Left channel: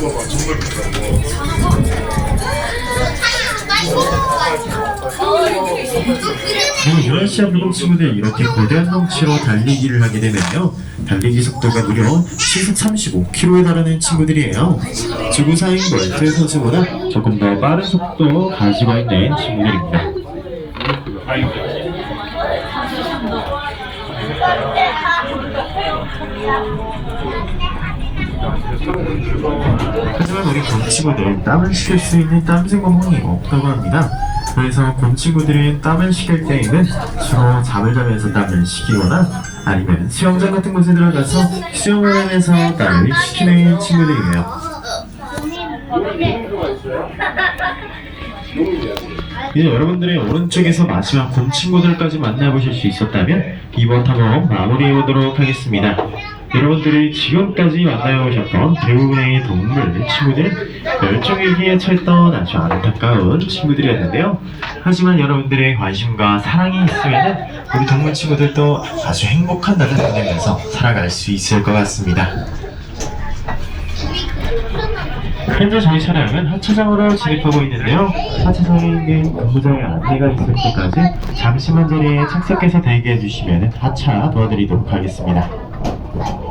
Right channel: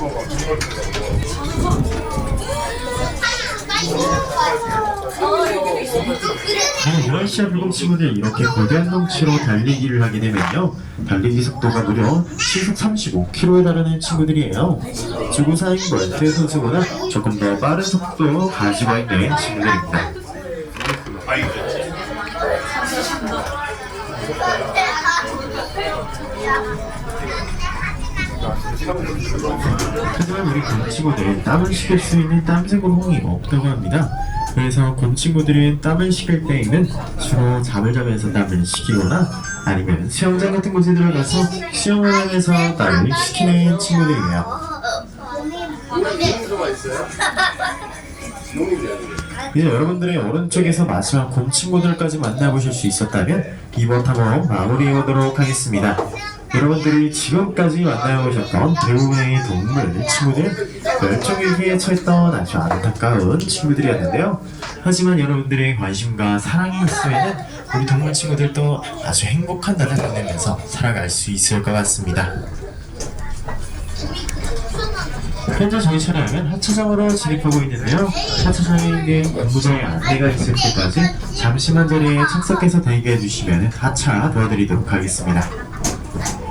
봐봐 정말 네, 유아시아 불금 친구들이 이렇게 거대한 덩치로 달리기를 하게 되면요. 달리기 속도가 무려 시속 35km에 달하는 친구들이에요. 지구사인 멀트 선수보다 조금 더 빠른 속도 가지고 있는 친구들입니다 하지만 우리 곰 친구들은 땀을 식힐 수 있는 땀생 구멍이 없다고 합니다. 그래서 곰 친구들은 땀을 식힐 때에는 주로 잠을 자면서 땀을 식히거나 아니면 수영장 같은 곳에 들어가서 수영을 하면서 땀을 식히는 친구들이에요. 이제 여러분들의 오른쪽에서 마지막 곰 친구들까지 만나보실 수 있었다면 이번 탐험 마무리해보도록 하겠습니다. 여러분들이 지금까지 만나보셨던 대부분의 동물 친구들은 멸종위기에 처했던 아주 안타까운 친구들이었는데요. 하지만 여러분들의 관심과 사랑이 있으면 우리 동물 친구들도 아주 행복한 날을 보내면서 살아갈 수 있을 것 같습니다. 현재 저희 차량은 하차장으로 진입하고 있는데요. 하차장에 있는 근무자의 안내가 있을 때까지 잠시만 자리에 착석해서 대기해 주시면 하차 도와드리도록 하겠습니다. 来。